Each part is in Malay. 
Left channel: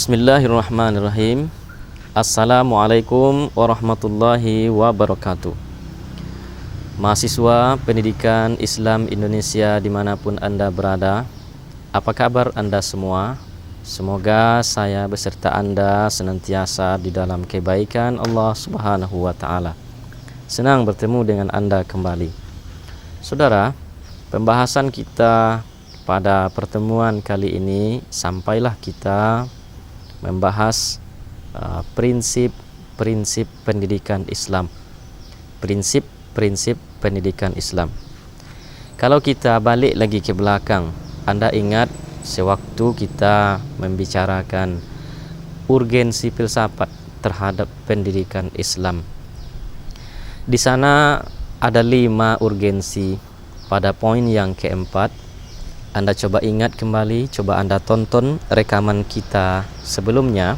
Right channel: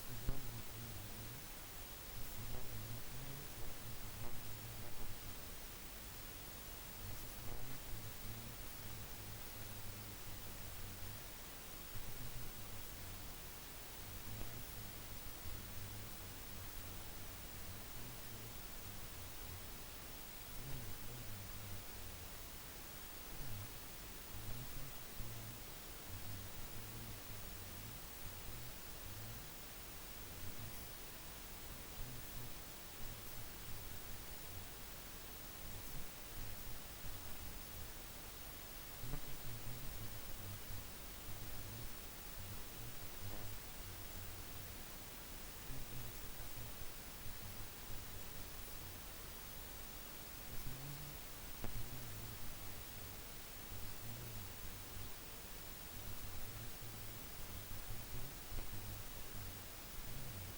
Bismillahirrahmanirrahim. Assalamualaikum warahmatullahi wabarakatuh. Mahasiswa pendidikan Islam Indonesia dimanapun Anda berada, apa kabar Anda semua? Semoga saya beserta Anda senantiasa di dalam kebaikan Allah Subhanahu wa Ta'ala. Senang bertemu dengan Anda kembali. Saudara, pembahasan kita pada pertemuan kali ini sampailah kita membahas prinsip-prinsip pendidikan Islam. Prinsip-prinsip pendidikan Islam. Kalau kita balik lagi ke belakang, Anda ingat sewaktu kita membicarakan urgensi filsafat terhadap pendidikan Islam. Di sana ada 5 urgensi. Pada poin yang keempat, Anda coba ingat kembali, coba Anda tonton rekaman kita sebelumnya.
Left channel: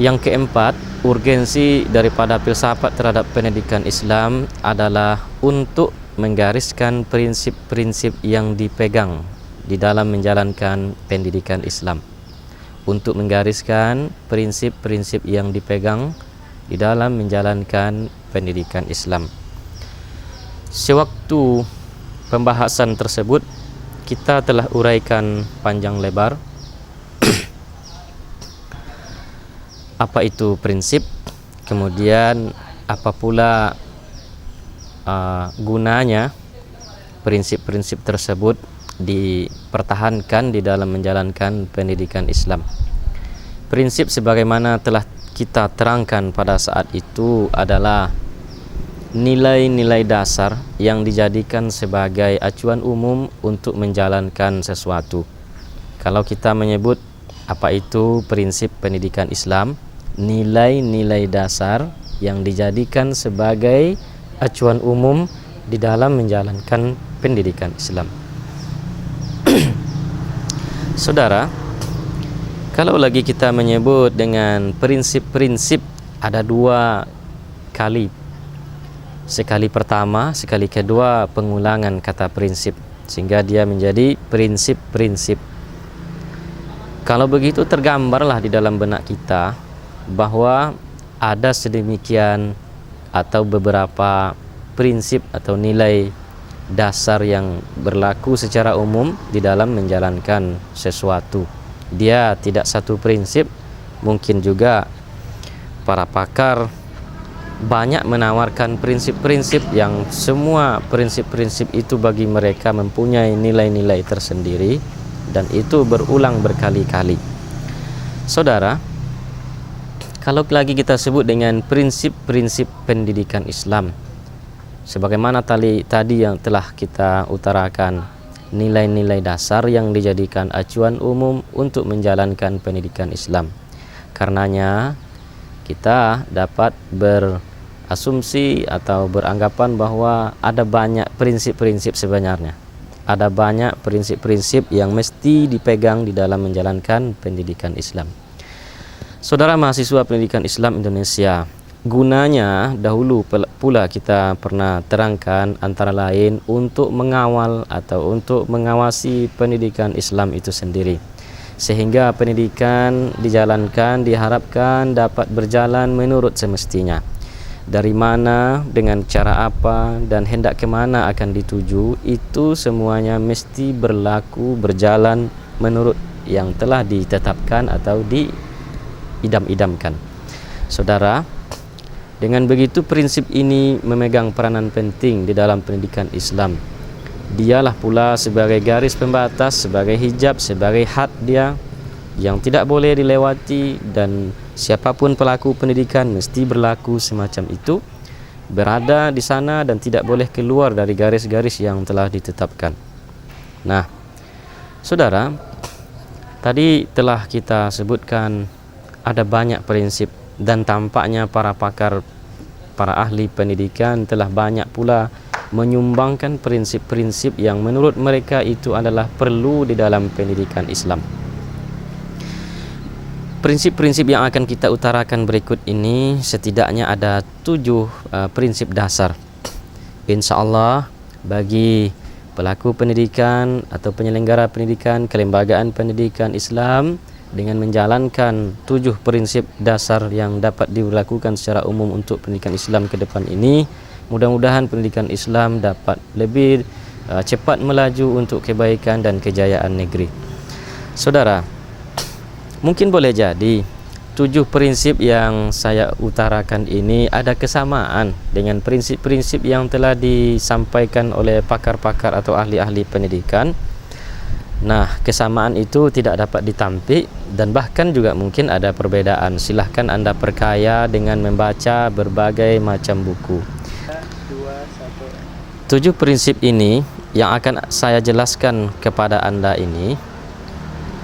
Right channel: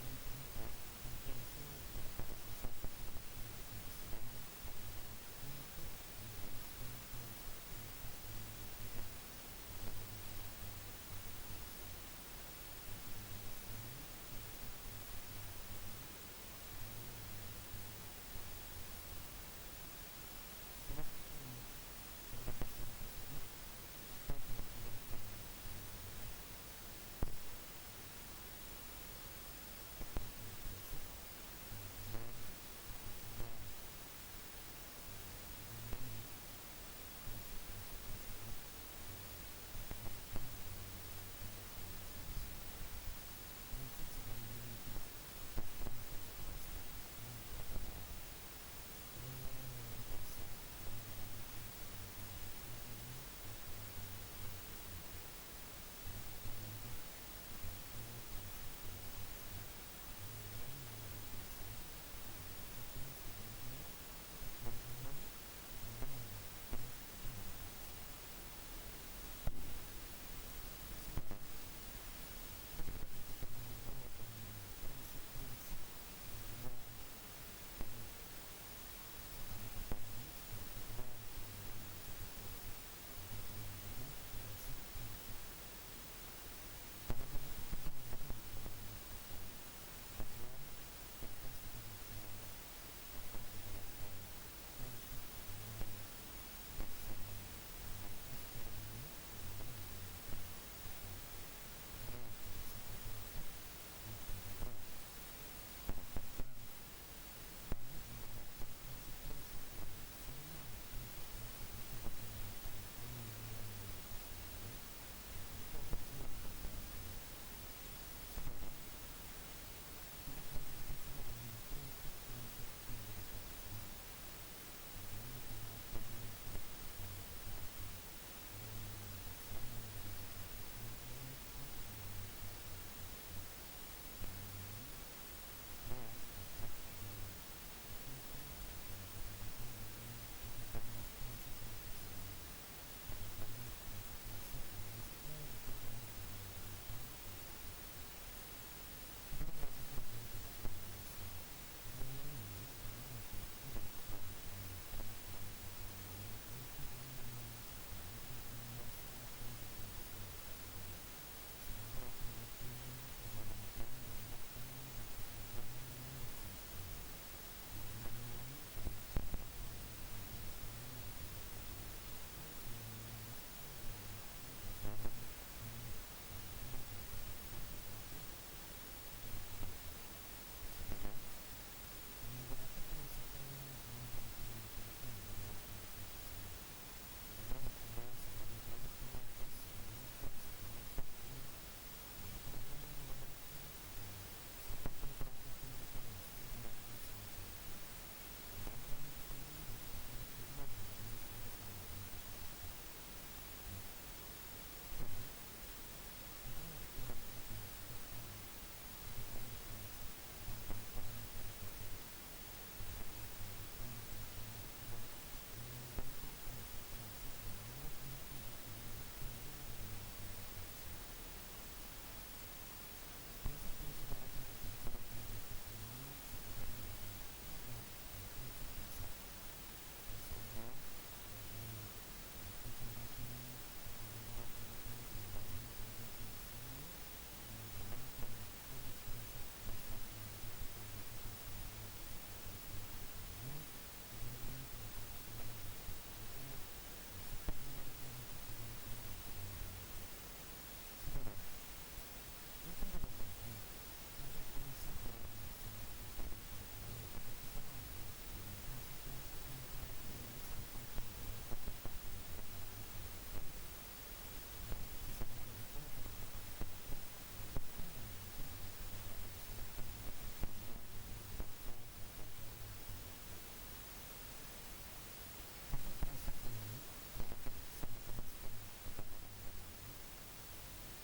Yang keempat, urgensi daripada filsafat terhadap pendidikan Islam adalah untuk menggariskan prinsip-prinsip yang dipegang di dalam menjalankan pendidikan Islam. Untuk menggariskan prinsip-prinsip yang dipegang di dalam menjalankan pendidikan Islam. Sewaktu pembahasan tersebut, kita telah uraikan panjang lebar apa itu prinsip, kemudian apa pula gunanya prinsip-prinsip tersebut dipertahankan di dalam menjalankan pendidikan Islam. Prinsip sebagaimana telah kita terangkan pada saat itu adalah nilai-nilai dasar yang dijadikan sebagai acuan umum untuk menjalankan sesuatu. Kalau kita menyebut apa itu prinsip pendidikan Islam, nilai-nilai dasar yang dijadikan sebagai acuan umum di dalam menjalankan pendidikan Islam. Saudara, kalau lagi kita menyebut dengan prinsip-prinsip, ada 2 kali. Sekali pertama, sekali kedua pengulangan kata prinsip, sehingga dia menjadi prinsip-prinsip. Kalau begitu tergambarlah di dalam benak kita bahwa ada sedemikian atau beberapa prinsip atau nilai dasar yang berlaku secara umum di dalam menjalankan sesuatu. Dia tidak satu prinsip, mungkin juga para pakar banyak menawarkan prinsip-prinsip yang semua prinsip-prinsip itu bagi mereka mempunyai nilai-nilai tersendiri dan itu berulang berkali-kali. Saudara, kalau lagi kita sebut dengan prinsip-prinsip pendidikan Islam, sebagaimana tadi yang telah kita utarakan, nilai-nilai dasar yang dijadikan acuan umum untuk menjalankan pendidikan Islam. Karenanya kita dapat berasumsi atau beranggapan bahwa ada banyak prinsip-prinsip sebenarnya. Ada banyak prinsip-prinsip yang mesti dipegang di dalam menjalankan pendidikan Islam. Saudara mahasiswa pendidikan Islam Indonesia, gunanya dahulu pula kita pernah terangkan antara lain untuk mengawal atau untuk mengawasi pendidikan Islam itu sendiri, sehingga pendidikan dijalankan diharapkan dapat berjalan menurut semestinya. Dari mana, dengan cara apa, dan hendak kemana akan dituju, itu semuanya mesti berlaku berjalan menurut yang telah ditetapkan atau diidam-idamkan. Saudara, dengan begitu prinsip ini memegang peranan penting di dalam pendidikan Islam. Dialah pula sebagai garis pembatas, sebagai hijab, sebagai had dia yang tidak boleh dilewati, dan siapapun pelaku pendidikan mesti berlaku semacam itu, berada di sana dan tidak boleh keluar dari garis-garis yang telah ditetapkan. Nah, saudara, tadi telah kita sebutkan ada banyak prinsip dan tampaknya para pakar, para ahli pendidikan telah banyak pula menyumbangkan prinsip-prinsip yang menurut mereka itu adalah perlu di dalam pendidikan Islam. Prinsip-prinsip yang akan kita utarakan berikut ini setidaknya ada 7 prinsip dasar. Insya Allah bagi pelaku pendidikan atau penyelenggara pendidikan, kelembagaan pendidikan Islam dengan menjalankan 7 prinsip dasar yang dapat dilakukan secara umum untuk pendidikan Islam ke depan ini, mudah-mudahan pendidikan Islam dapat lebih cepat melaju untuk kebaikan dan kejayaan negeri. Saudara, mungkin boleh jadi 7 prinsip yang saya utarakan ini ada kesamaan dengan prinsip-prinsip yang telah disampaikan oleh pakar-pakar atau ahli-ahli pendidikan. Nah, kesamaan itu tidak dapat ditampik dan bahkan juga mungkin ada perbedaan. Silahkan Anda perkaya dengan membaca berbagai macam buku. 7 prinsip ini yang akan saya jelaskan kepada Anda ini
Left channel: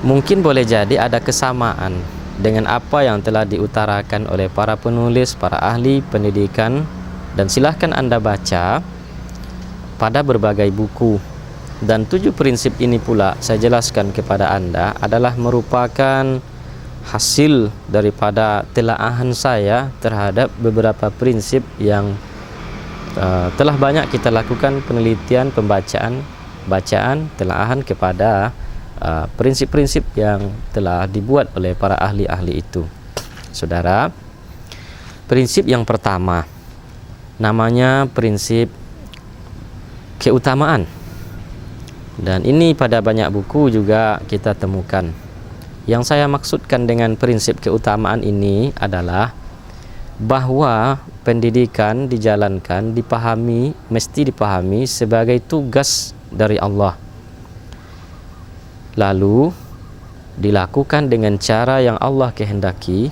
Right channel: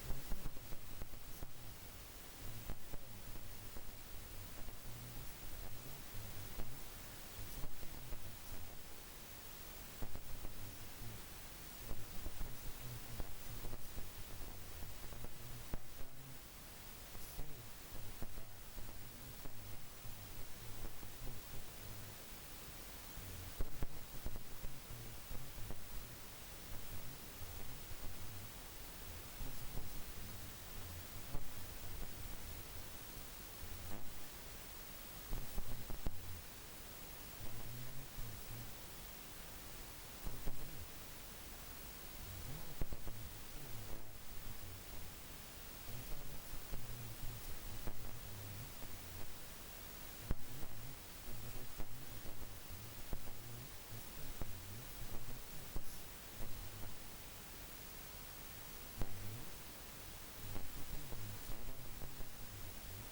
mungkin boleh jadi ada kesamaan dengan apa yang telah diutarakan oleh para penulis, para ahli pendidikan, dan silahkan Anda baca pada berbagai buku. Dan 7 prinsip ini pula saya jelaskan kepada Anda adalah merupakan hasil daripada telaahan saya terhadap beberapa prinsip yang telah banyak kita lakukan penelitian, bacaan, telaahan kepada prinsip-prinsip yang telah dibuat oleh para ahli-ahli itu. Saudara, prinsip yang pertama namanya prinsip keutamaan. Dan ini pada banyak buku juga kita temukan. Yang saya maksudkan dengan prinsip keutamaan ini adalah bahwa pendidikan dijalankan, mesti dipahami sebagai tugas dari Allah. Lalu dilakukan dengan cara yang Allah kehendaki,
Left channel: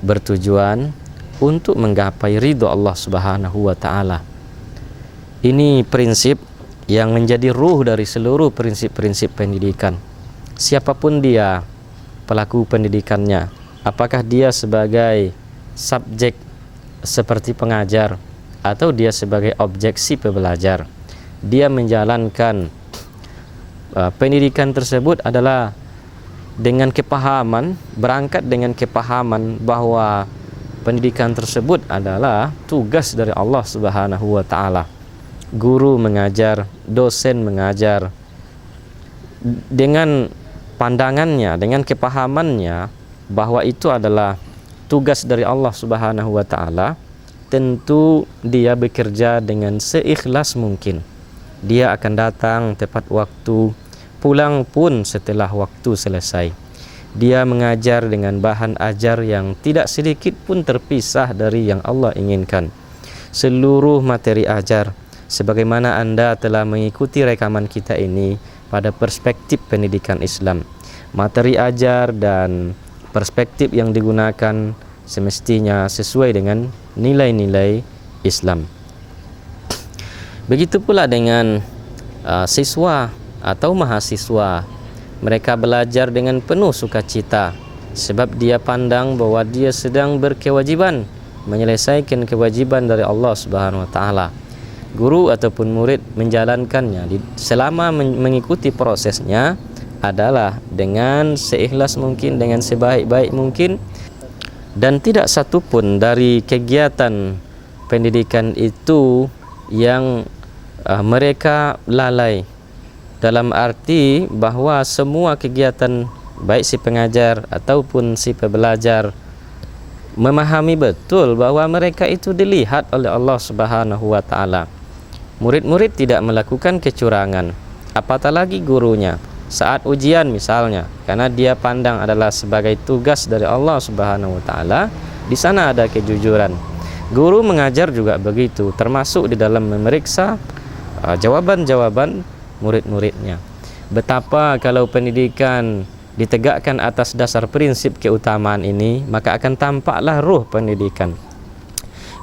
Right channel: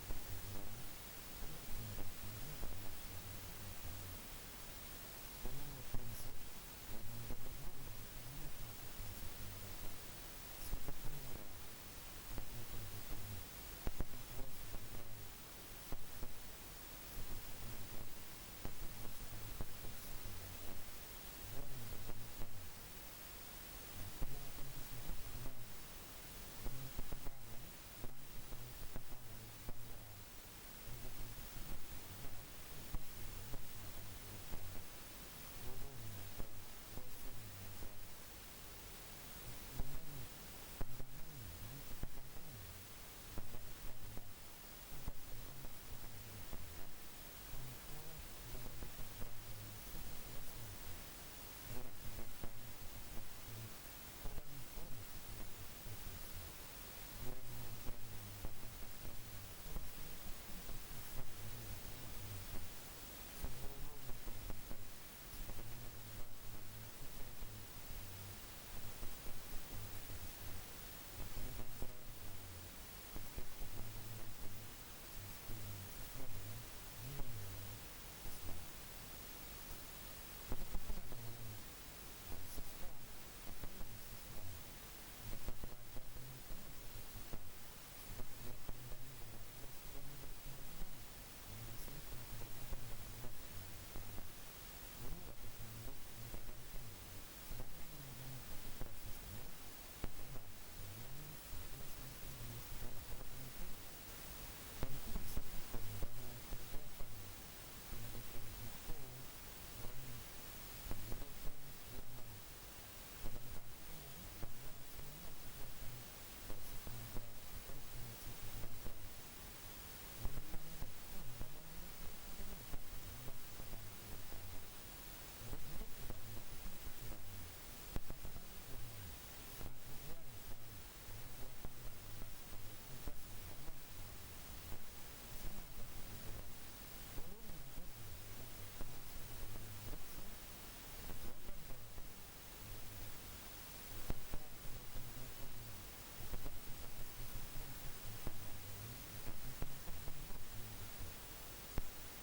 bertujuan untuk menggapai ridho Allah Subhanahu wa taala. Ini prinsip yang menjadi ruh dari seluruh prinsip-prinsip pendidikan. Siapapun dia pelaku pendidikannya, apakah dia sebagai subjek seperti pengajar atau dia sebagai objek si pembelajar, dia menjalankan pendidikan tersebut adalah dengan kepahaman, berangkat dengan kepahaman bahwa pendidikan tersebut adalah tugas dari Allah Subhanahu wa taala. Guru mengajar, dosen mengajar, dengan pandangannya, dengan kepahamannya bahwa itu adalah tugas dari Allah Subhanahu wa taala, tentu dia bekerja dengan seikhlas mungkin. Dia akan datang tepat waktu, pulang pun setelah waktu selesai. Dia mengajar dengan bahan ajar yang tidak sedikit pun terpisah dari yang Allah inginkan. Seluruh materi ajar, sebagaimana Anda telah mengikuti rekaman kita ini pada perspektif pendidikan Islam, materi ajar dan perspektif yang digunakan semestinya sesuai dengan nilai-nilai Islam. Begitu pula dengan siswa atau mahasiswa. Mereka belajar dengan penuh sukacita sebab dia pandang bahwa dia sedang berkewajiban menyelesaikan kewajiban dari Allah Subhanahu wa taala. Guru ataupun murid menjalankannya selama mengikuti prosesnya adalah dengan seikhlas mungkin, dengan sebaik-baik mungkin, dan tidak satu pun dari kegiatan pendidikan itu yang mereka lalai, dalam arti bahwa semua kegiatan baik si pengajar ataupun si pembelajar memahami betul bahwa mereka itu dilihat oleh Allah Subhanahu wa taala. Murid-murid tidak melakukan kecurangan, apatah lagi gurunya saat ujian misalnya, karena dia pandang adalah sebagai tugas dari Allah Subhanahu wa taala, di sana ada kejujuran. Guru mengajar juga begitu, termasuk di dalam memeriksa jawaban-jawaban murid-muridnya. Betapa kalau pendidikan ditegakkan atas dasar prinsip keutamaan ini, maka akan tampaklah ruh pendidikan.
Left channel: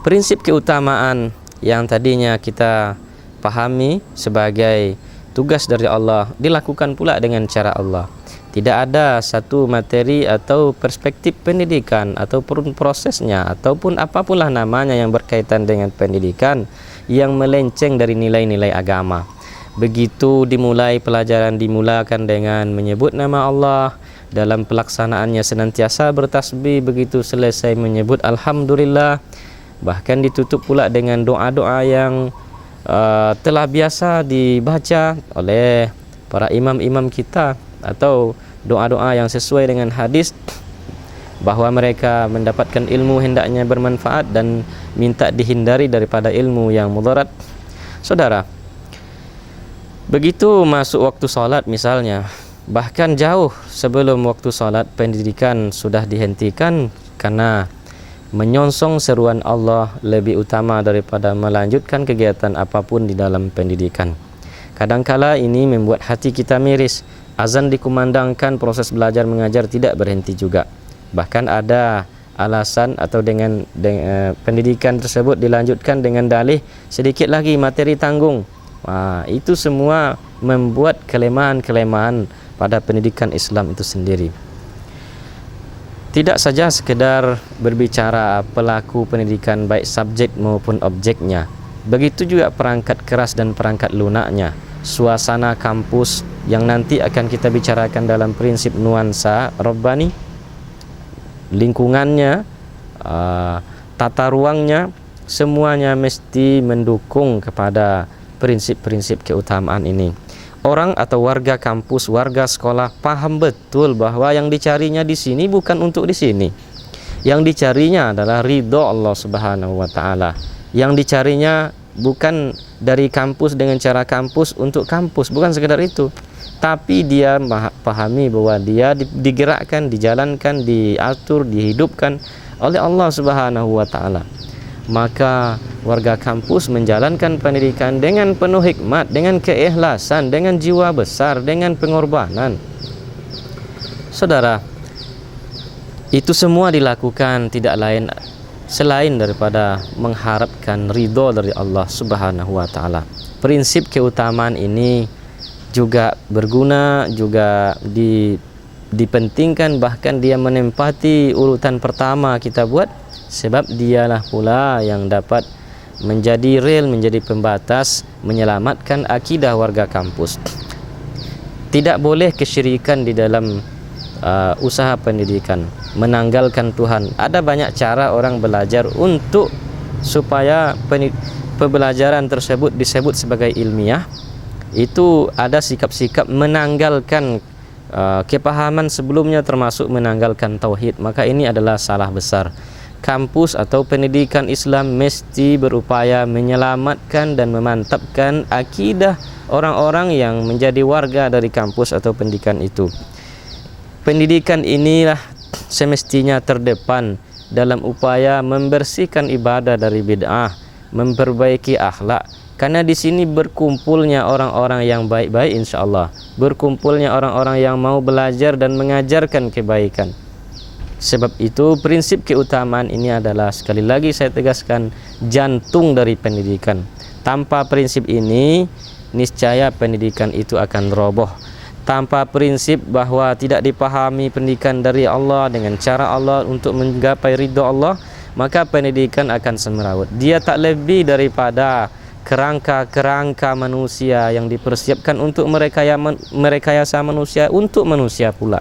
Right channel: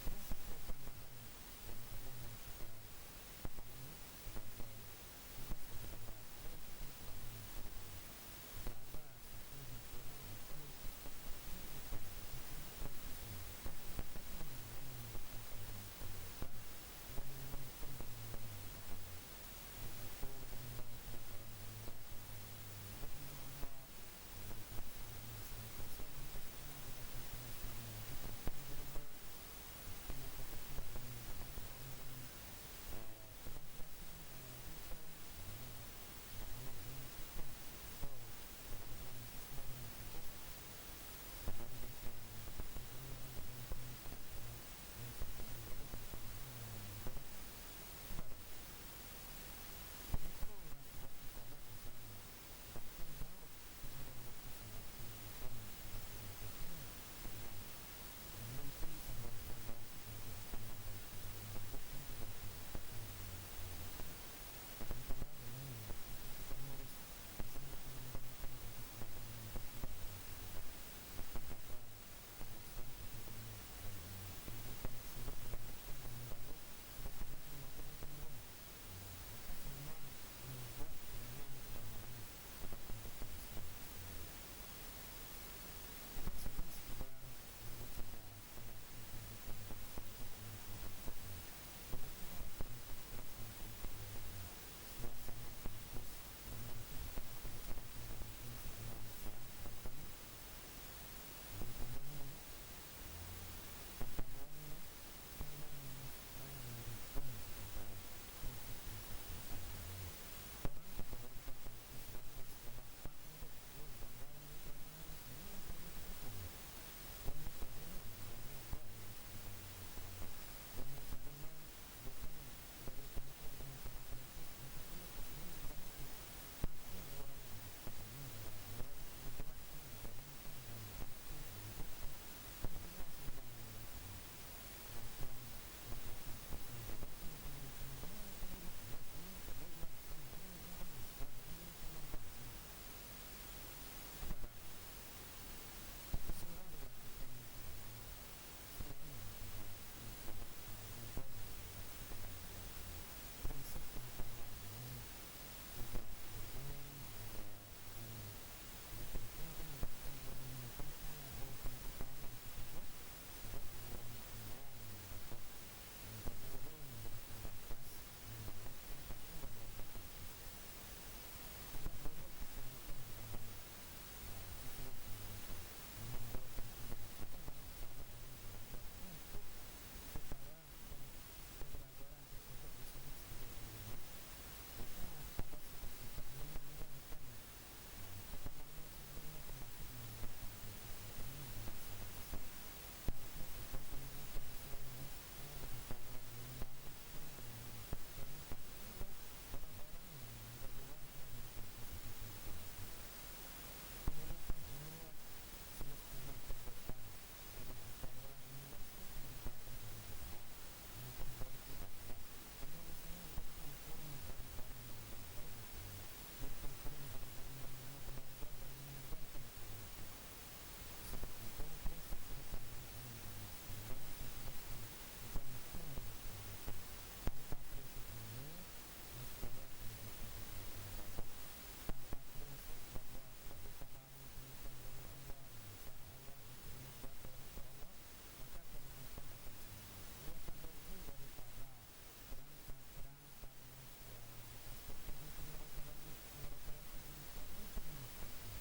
Prinsip keutamaan yang tadinya kita pahami sebagai tugas dari Allah dilakukan pula dengan cara Allah. Tidak ada satu materi atau perspektif pendidikan ataupun prosesnya ataupun apapunlah namanya yang berkaitan dengan pendidikan yang melenceng dari nilai-nilai agama. Begitu dimulai pelajaran dimulakan dengan menyebut nama Allah, dalam pelaksanaannya senantiasa bertasbih, begitu selesai menyebut alhamdulillah, bahkan ditutup pula dengan doa-doa yang telah biasa dibaca oleh para imam-imam kita atau doa-doa yang sesuai dengan hadis, bahawa mereka mendapatkan ilmu hendaknya bermanfaat dan minta dihindari daripada ilmu yang mudarat. Saudara, begitu masuk waktu solat misalnya, bahkan jauh sebelum waktu solat, pendidikan sudah dihentikan karena menyongsong seruan Allah lebih utama daripada melanjutkan kegiatan apapun di dalam pendidikan. Kadangkala ini membuat hati kita miris. Azan dikumandangkan, proses belajar mengajar tidak berhenti juga. Bahkan ada alasan atau dengan pendidikan tersebut dilanjutkan dengan dalih sedikit lagi materi tanggung. Itu semua membuat kelemahan-kelemahan pada pendidikan Islam itu sendiri. Tidak saja sekedar berbicara pelaku pendidikan baik subjek maupun objeknya, begitu juga perangkat keras dan perangkat lunaknya, suasana kampus yang nanti akan kita bicarakan dalam prinsip nuansa Rabbani, lingkungannya, tata ruangnya, semuanya mesti mendukung kepada prinsip-prinsip keutamaan ini. Orang atau warga kampus, warga sekolah paham betul bahwa yang dicarinya di sini bukan untuk di sini. Yang dicarinya adalah ridho Allah Subhanahu wa taala. Yang dicarinya bukan dari kampus dengan cara kampus untuk kampus, bukan sekedar itu. Tapi dia pahami bahwa dia digerakkan, dijalankan, diatur, dihidupkan oleh Allah Subhanahu wa taala. Maka warga kampus menjalankan pendidikan dengan penuh hikmat, dengan keikhlasan, dengan jiwa besar, dengan pengorbanan. Saudara, itu semua dilakukan tidak lain selain daripada mengharapkan ridho dari Allah Subhanahu wa taala. Prinsip keutamaan ini juga berguna, juga dipentingkan, bahkan dia menempati urutan pertama kita buat, sebab dialah pula yang dapat menjadi rel, menjadi pembatas menyelamatkan akidah warga kampus. Tidak boleh kesyirikan di dalam usaha pendidikan, menanggalkan Tuhan. Ada banyak cara orang belajar untuk supaya pembelajaran tersebut disebut sebagai ilmiah. Itu ada sikap-sikap menanggalkan kepahaman sebelumnya, termasuk menanggalkan tauhid. Maka ini adalah salah besar. Kampus atau pendidikan Islam mesti berupaya menyelamatkan dan memantapkan akidah orang-orang yang menjadi warga dari kampus atau pendidikan itu. Pendidikan inilah semestinya terdepan dalam upaya membersihkan ibadah dari bid'ah, memperbaiki akhlak. Karena di sini berkumpulnya orang-orang yang baik-baik insya-Allah, berkumpulnya orang-orang yang mau belajar dan mengajarkan kebaikan. Sebab itu prinsip keutamaan ini adalah, sekali lagi saya tegaskan, jantung dari pendidikan. Tanpa prinsip ini, niscaya pendidikan itu akan roboh. Tanpa prinsip bahwa tidak dipahami pendidikan dari Allah dengan cara Allah untuk menggapai ridho Allah, maka pendidikan akan semeraut. Dia tak lebih daripada kerangka-kerangka manusia yang dipersiapkan untuk merekayasa manusia untuk manusia pula.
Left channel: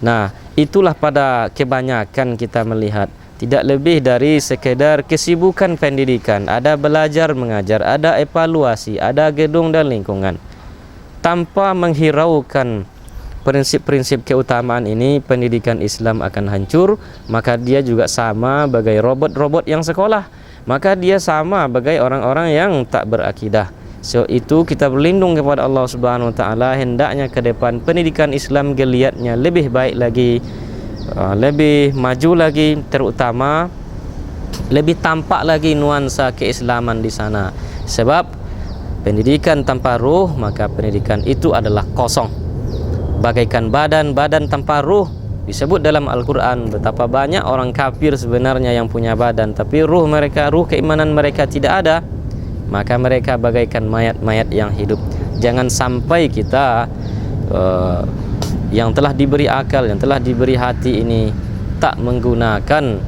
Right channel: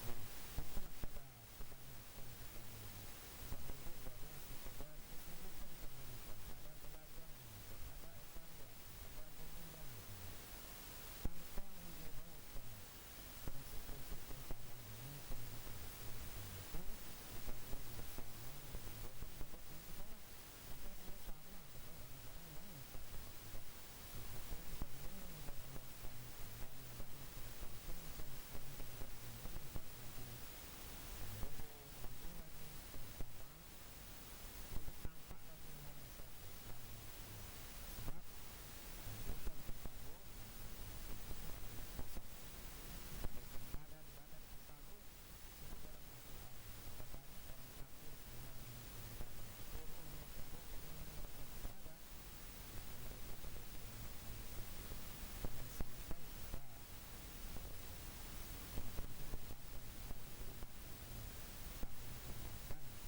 Nah, itulah pada kebanyakan kita melihat tidak lebih dari sekedar kesibukan pendidikan. Ada belajar mengajar, ada evaluasi, ada gedung dan lingkungan. Tanpa menghiraukan prinsip-prinsip keutamaan ini, pendidikan Islam akan hancur. Maka dia juga sama bagai robot-robot yang sekolah. Maka dia sama bagai orang-orang yang tak berakidah. So itu kita berlindung kepada Allah Subhanahu wa taala, hendaknya ke depan pendidikan Islam geliatnya lebih baik lagi, lebih maju lagi, terutama lebih tampak lagi nuansa keislaman di sana. Sebab pendidikan tanpa ruh, maka pendidikan itu adalah kosong. Bagaikan badan tanpa ruh. Disebut dalam Al-Quran betapa banyak orang kafir sebenarnya yang punya badan, tapi ruh keimanan mereka tidak ada. Maka mereka bagaikan mayat-mayat yang hidup. Jangan sampai kita yang telah diberi akal, yang telah diberi hati ini tak menggunakan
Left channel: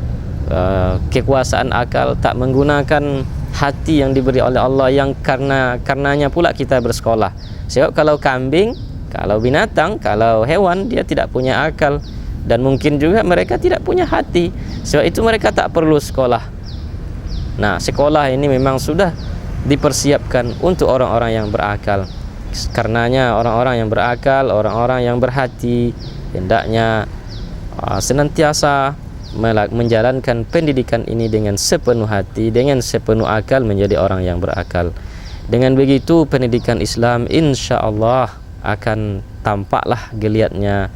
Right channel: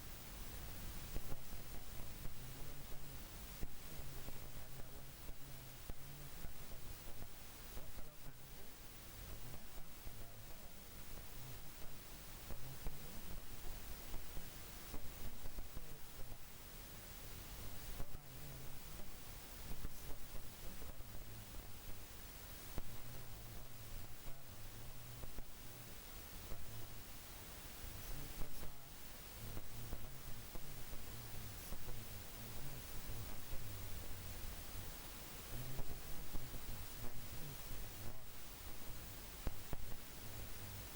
kekuasaan akal, tak menggunakan hati yang diberi oleh Allah, yang karenanya pula kita bersekolah. Sebab kalau kambing, kalau binatang, kalau hewan, dia tidak punya akal, dan mungkin juga mereka tidak punya hati. Sebab itu mereka tak perlu sekolah. Nah, sekolah ini memang sudah dipersiapkan untuk orang-orang yang berakal. Karenanya orang-orang yang berakal, orang-orang yang berhati, hendaknya senantiasa menjalankan pendidikan ini dengan sepenuh hati, dengan sepenuh akal, menjadi orang yang berakal. Dengan begitu pendidikan Islam insya Allah akan tampaklah geliatnya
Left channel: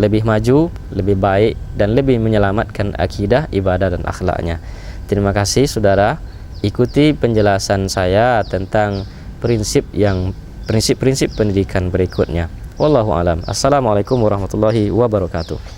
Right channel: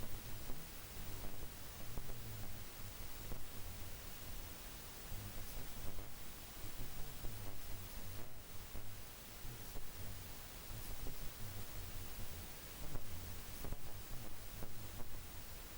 lebih maju, lebih baik, dan lebih menyelamatkan akidah, ibadah, dan akhlaknya. Terima kasih saudara, ikuti penjelasan saya tentang prinsip-prinsip pendidikan berikutnya. Wallahu alam. Assalamualaikum warahmatullahi wabarakatuh.